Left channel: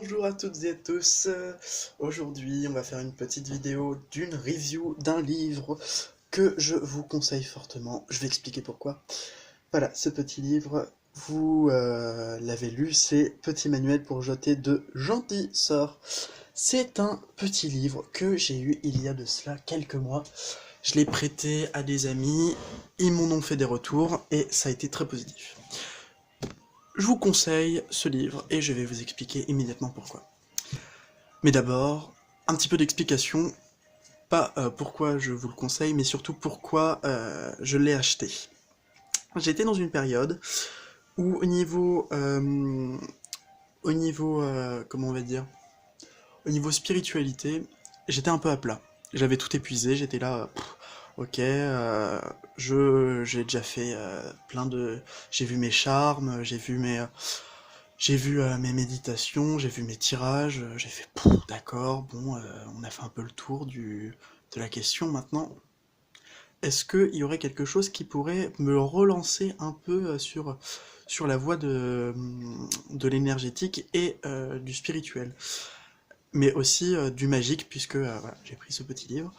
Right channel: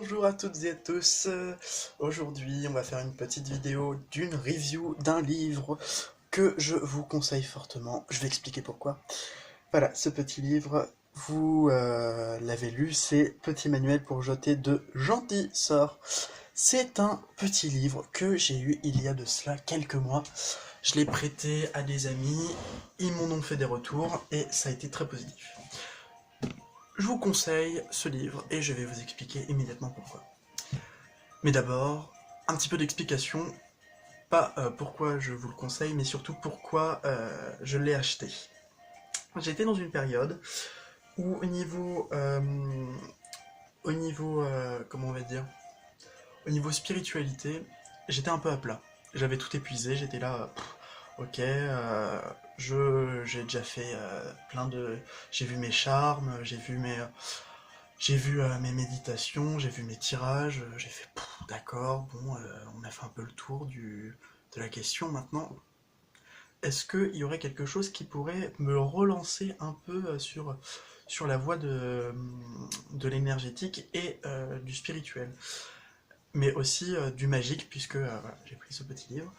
Bonjour à toutes et à tous. Aujourd'hui, on va faire une petite vidéo d'une review d'un livre que je vous conseille fortement. Je vais expliquer pourquoi. Voilà, ce petit livre, vous l'avez lu, c'est Petit manuel pour jeter de gentils sorts. C'est un petit livre que j'ai eu il y a de cela quelques mois. Je l'ai prêté à des amis, ils m'en ont fait des retours et ça a été très positif. Je vous conseille ce livre et je vais vous expliquer immédiatement pourquoi. Mais d'abord, un petit peu d'explication, pas pourquoi je vous le conseille, mais surtout pourquoi je l'ai acheté. J'étais dans une période où comment on va dire, au niveau spiritualité, j'étais un peu à plat. J'avais tout épuisé, j'étais là, ok, j'ai déjà fait plein de... J'ai vu mes charmes, j'ai vu mes méditations, j'ai vu mes tirages, j'ai fait d'accord, bon, on a fait un peu le tour de la question maintenant. Est-ce qu'il y aurait quelque chose qui pourrait me relancer un peu sur la voie de l'énergétique et du spirituel, mais aussi du magique, puisque voilà, j'ai pris ce petit livre,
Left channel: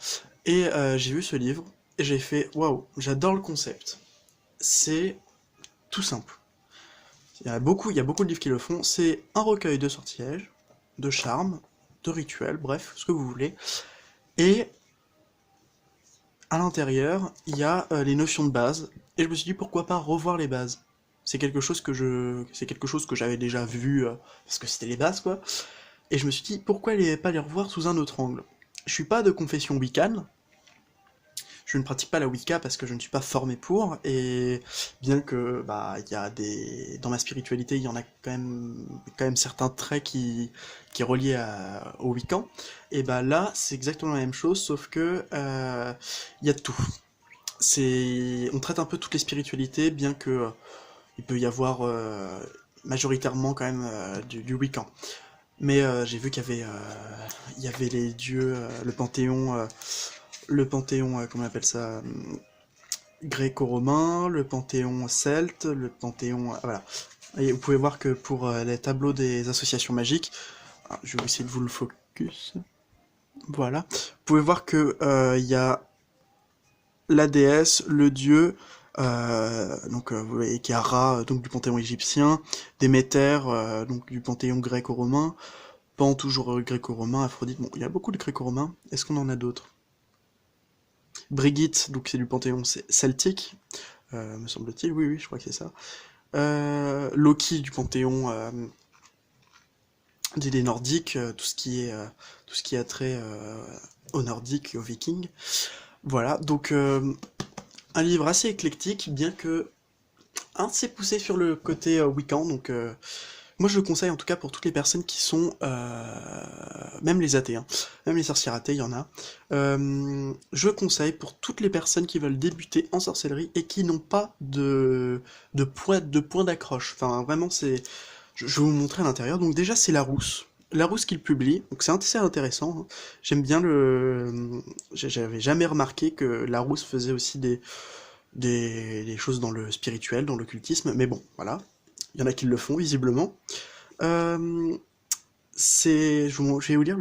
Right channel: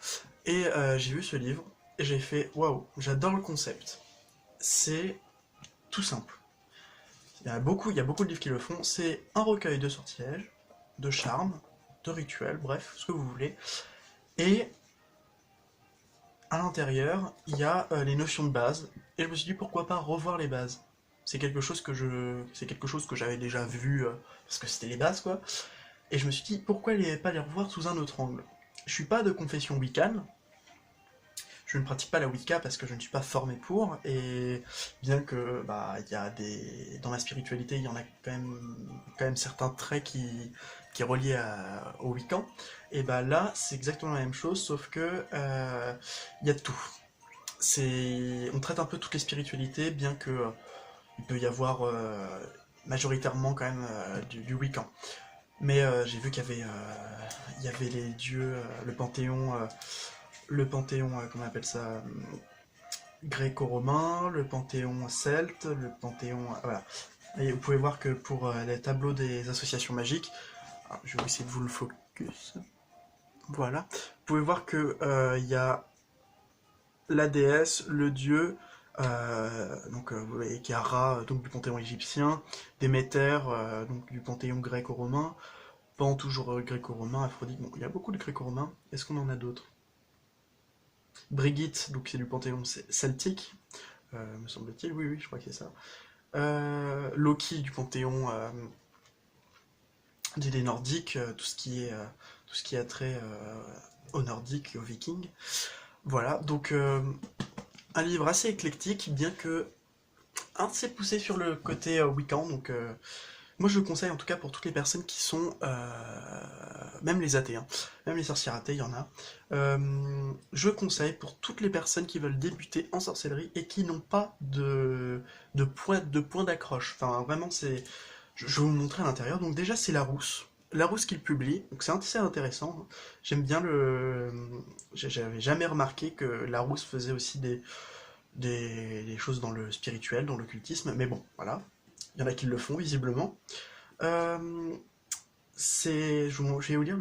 et j'ai vu ce livre, et j'ai fait waouh, j'adore le concept. C'est tout simple. Il y a beaucoup de livres qui le font. C'est un recueil de sortilèges, de charmes, de rituels, bref, ce que vous voulez. Et à l'intérieur, il y a les notions de base. Et je me suis dit pourquoi pas revoir les bases. C'est quelque chose que j'avais déjà vu parce que c'était les bases quoi. Et je me suis dit pourquoi pas les revoir sous un autre angle. Je suis pas de confession wiccan, je ne pratique pas la Wicca parce que je ne suis pas formé pour, et bien que bah il y a des dans ma spiritualité, il y en a quand même certains traits qui est relié au Wiccan, et bah là c'est exactement la même chose, sauf que il y a de tout. On traite un peu toutes les spiritualités, bien que il peut y avoir majoritairement quand même du Wiccan. Mais j'ai vu il y avait les dieux, le panthéon, comment on appelle ça, gréco-romain, le panthéon celte, le panthéon... voilà. Et vous pouvez voir que pour les tableaux des associations magiques, je vais essayer de vous le focus, voilà. Vous pouvez voir que il y a la déesse, le dieu, donc vous voyez qu'il y a Ra, donc du panthéon égyptien, Déméter, donc du panthéon gréco-romain, Pan toujours gréco-romain, Aphrodite, bon, il y a beaucoup de gréco-romains. Est-ce qu'on en a d'autres? Brigitte, donc c'est du panthéon celtique, me semble-t-il, oui, oui, je crois que c'est ça. Loki du panthéon des Nordiques, tout ce qui a trait aux Nordiques et aux Vikings. Voilà, donc un livre assez éclectique, bien que assez poussé sur le côté Wiccan, donc moi je le conseille en tout cas pour toutes les personnes qui sont, même les athées, hein, même les sorcières athées, il y en a. Je conseille pour toutes les personnes qui veulent débuter en sorcellerie et qui n'ont pas de point d'accroche. Enfin vraiment je vais vous montrer à l'intérieur. Donc déjà c'est Larousse. Larousse qu'il publie, donc c'est assez intéressant, hein. J'aime bien j'avais jamais remarqué que Larousse faisait aussi des choses dans le spirituel, dans l'occultisme, mais bon, voilà. Il y en a qui le font, visiblement. Euh, je vais vous lire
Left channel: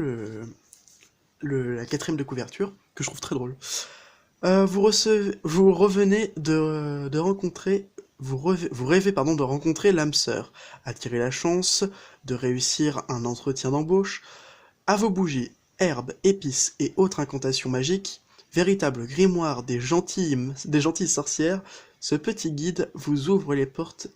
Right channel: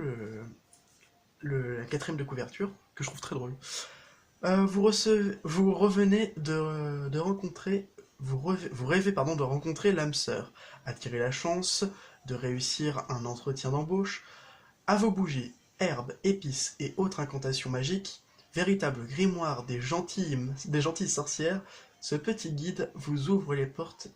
la quatrième de couverture, que je trouve très drôle. Vous revenez de rencontrer, vous rêvez pardon, de rencontrer l'âme sœur, attirer la chance de réussir un entretien d'embauche. À vos bougies, herbes, épices et autres incantations magiques, véritable grimoire des gentilles sorcières, ce petit guide vous ouvre les portes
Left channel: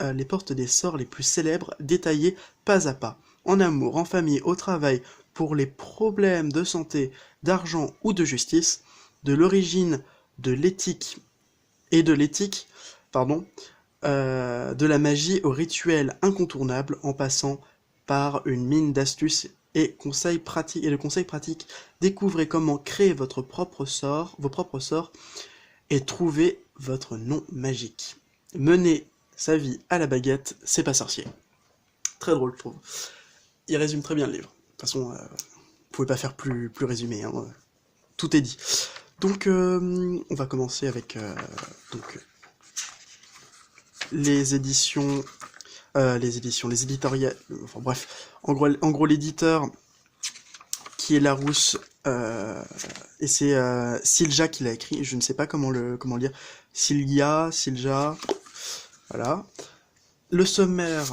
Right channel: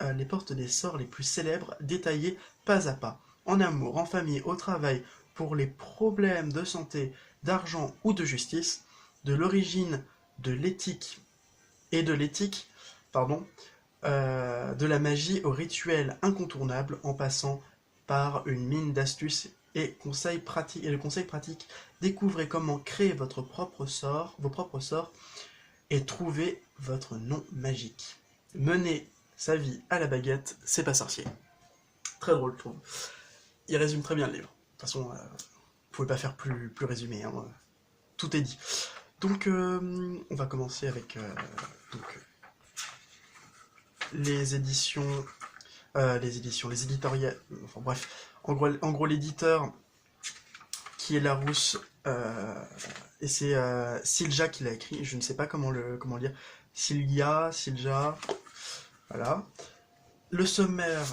des sorts les plus célèbres, détaillés pas à pas, en amour, en famille, au travail, pour les problèmes de santé, d'argent ou de justice, de l'origine de l'éthique, pardon, de la magie au rituel incontournable, en passant par une mine d'astuces et de conseils pratiques. Découvrez comment créer vos propres sorts, et trouver votre nom magique. Menez sa vie à la baguette, c'est pas sorcier. Très drôle, je trouve. Il résume très bien le livre. De toute façon, vous pouvez pas faire plus résumé, hein. Tout est dit. Donc, on va commencer avec donc, les éditoriales. Enfin bref, En gros l'éditeur qui est Larousse, et c'est Silja qui l'a écrit, je ne sais pas comment le lire. Silja, voilà. Le sommaire,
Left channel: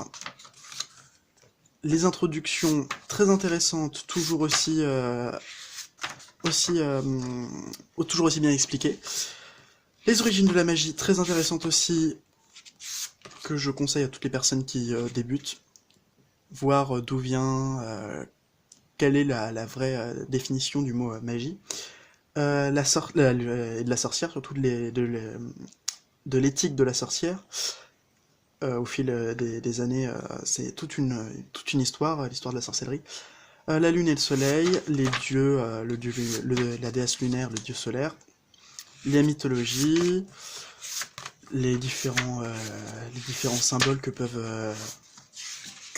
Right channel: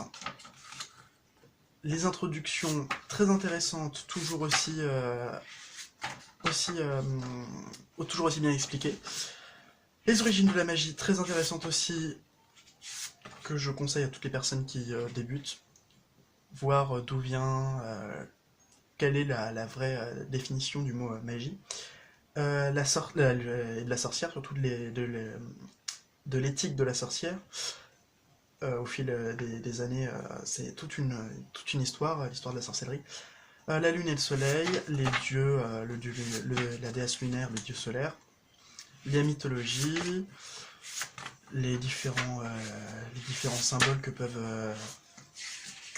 les introductions très intéressantes, aussi, toujours aussi bien expliquées. Les origines de la magie, très intéressantes aussi, que je conseille à toutes les personnes qui débutent. Voir d'où vient, quelle est la vraie définition du mot magie. Et de la sorcière, surtout de l'éthique de la sorcière. Au fil des années, c'est toute une histoire, l'histoire de la sorcellerie. La lune et le soleil, les dieux, la déesse lunaire, le dieu solaire, les mythologies, les différents symboles que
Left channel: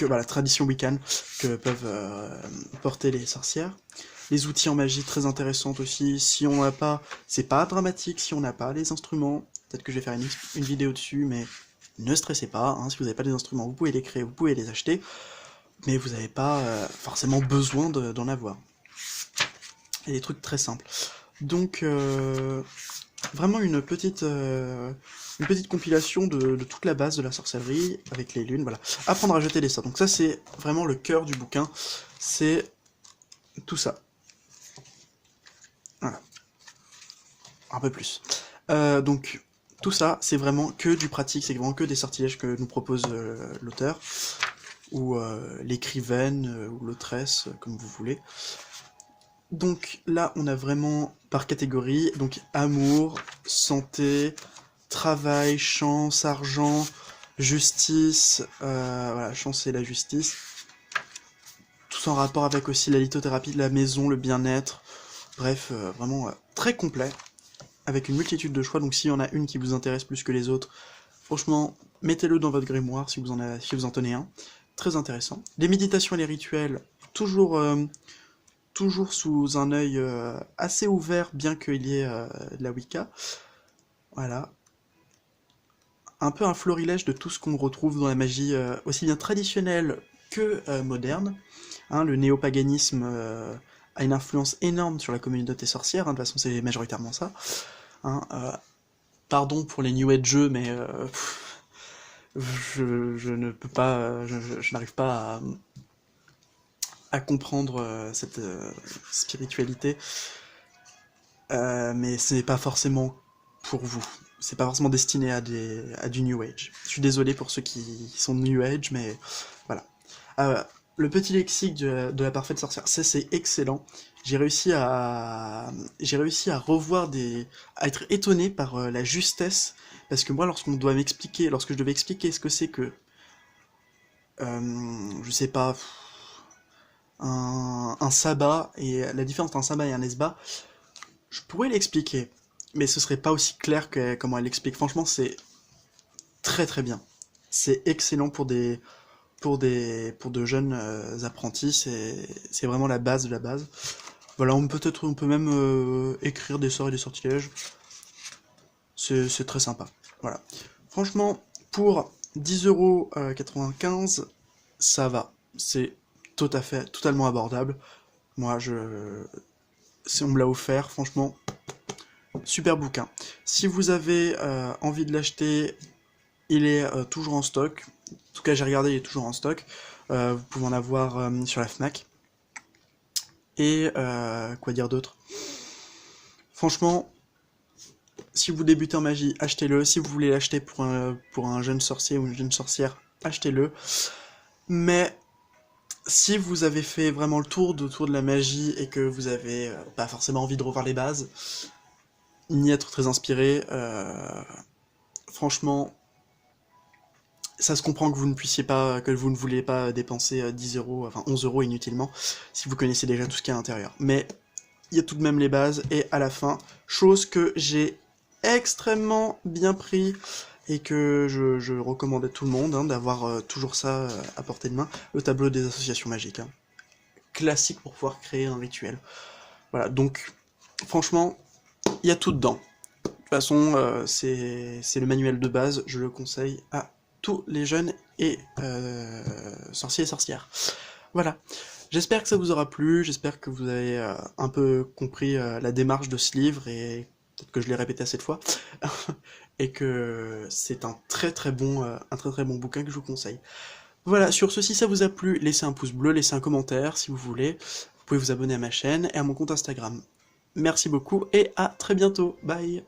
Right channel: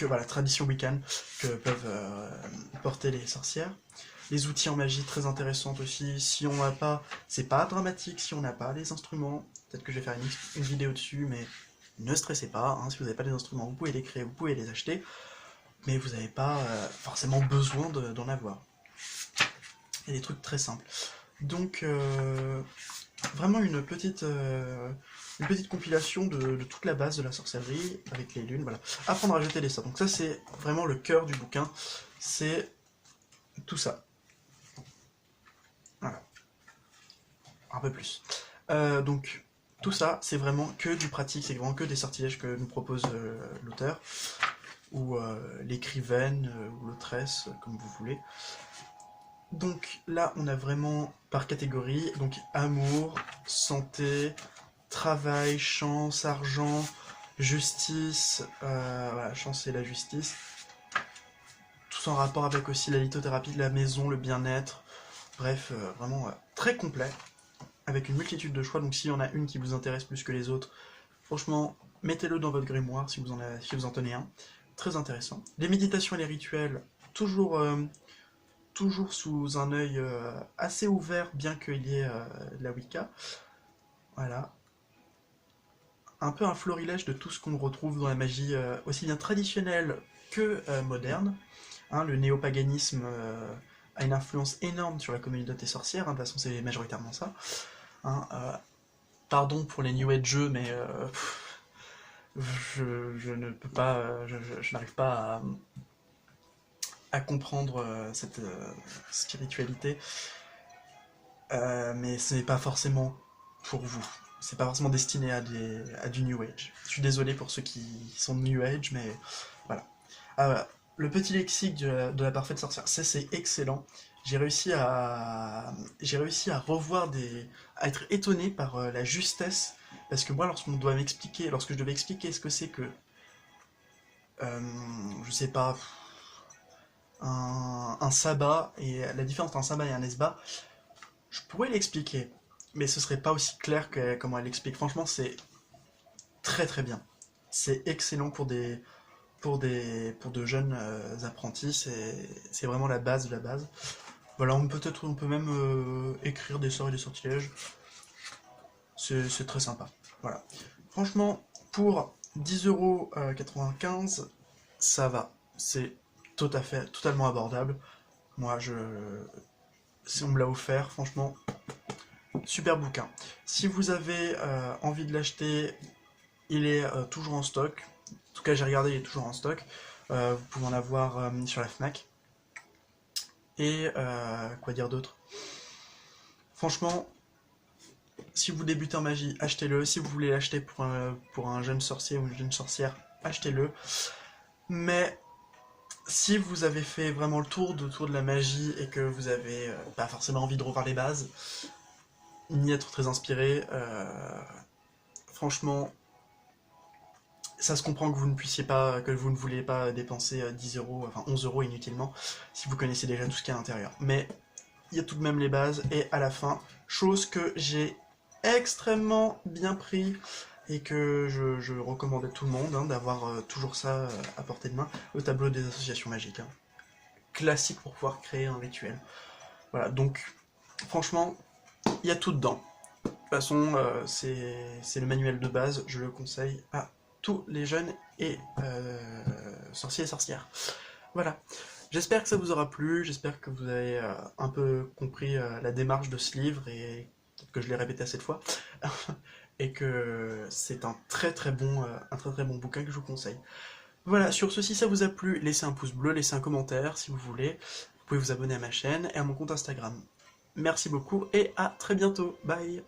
la tradition wiccan que peuvent porter les sorcières. Les outils en magie très intéressantes aussi. Si on n'a pas, c'est pas dramatique si on n'a pas les instruments. Peut-être que je vais faire une vidéo dessus, mais ne stressez pas. Hein, si vous n'avez pas les instruments, vous pouvez les créer, vous pouvez les acheter, mais vous n'avez pas forcément besoin d'en avoir. Il y a des trucs très simples. Donc vraiment une petite compilation de toute la base de la sorcellerie avec les lunes, voilà. Apprendre à jeter les sorts. Donc ça c'est vraiment le cœur du bouquin, c'est tout ça. Voilà. Un peu plus. Donc tout ça c'est vraiment que du pratique, c'est vraiment que des sortilèges que nous propose l'auteur, ou l'écrivaine, ou l'autresse, comme vous voulez. Donc là on a vraiment par catégorie, donc amour, santé, travail, chance, argent, justice, voilà, chance et la justice. Tout en rapport avec aussi la lithothérapie de la maison, le bien-être. Bref, vraiment très complet, avec une multitude de choix. Donc s'il y en a une qui vous intéresse plus que les autres, franchement, mettez-le dans votre grimoire si vous en tenez un. Très intéressant. Les méditations et les rituels, toujours sous un œil assez ouvert, bien qu'il y ait de la Wicca. Voilà. Un peu un florilège de tout ce qu'on retrouve dans la magie, aussi bien traditionnelle que moderne. Hein, le néopaganisme a une influence énorme sur la communauté sorcière, hein, de toute façon c'est majoritairement ça. Hein, pardon pour les New Age, mais je ne peux pas, je n'arrive pas à comprendre cette spiritualité, mais ce n'est pas forcément pour vous. C'est pas forcément destiné à du New Age. Je suis désolé pour ceux qui sont New Age, mais voilà. Le petit lexique de la parfaite sorcière, ça c'est excellent. J'ai réussi à revoir à être étonné par la justesse, parce que moi, lorsque je devais expliquer ce que c'est que, je sais pas, un sabbat, et la différence entre un sabbat et un esbat, je pourrais l'expliquer, mais ce serait pas aussi clair que comment elle l'explique. Franchement, c'est très très bien. C'est excellent pour de jeunes apprentis, c'est vraiment la base de la base. Voilà, on peut même écrire des sorts et des sortilèges. C'est très sympa. Voilà. Franchement, pour 10,95 €, ça va. C'est totalement abordable. Moi, si on me l'a offert, franchement, super bouquin. Si vous avez envie de l'acheter, il est toujours en stock. En tout cas, j'ai regardé, il est toujours en stock. Vous pouvez en avoir sur la Fnac. Et quoi dire d'autre? Franchement, si vous débutez en magie, achetez-le. Si vous voulez l'acheter pour un jeune sorcier ou une jeune sorcière, achetez-le. Mais si vous avez fait vraiment le tour de la magie et que vous avez pas forcément envie de revoir les bases, ni être très inspiré, franchement, ça se comprend que vous ne voulez pas dépenser 10 €, enfin 11 € inutilement, si vous connaissez déjà tout ce qu'il y a à l'intérieur. Mais il y a tout de même les bases, et à la fin, chose que j'ai extrêmement bien pris, et que je recommande à tout le monde, hein, d'avoir toujours ça à portée de main, le tableau des associations magiques. Hein. Classique pour pouvoir créer un rituel. Voilà, donc franchement, il y a tout dedans. De toute façon, c'est le manuel de base, je le conseille à tous les jeunes et sorciers et sorcières. Voilà. J'espère que ça vous aura plu, j'espère que vous avez un peu compris la démarche de ce livre et peut-être que je l'ai répété assez de fois et que c'est un très très bon bouquin que je vous conseille. Voilà, sur ce, si ça vous a plu, laissez un pouce bleu, laissez un commentaire si vous voulez. Vous pouvez vous abonner à ma chaîne et à mon compte Instagram. Merci beaucoup et à très bientôt. Bye!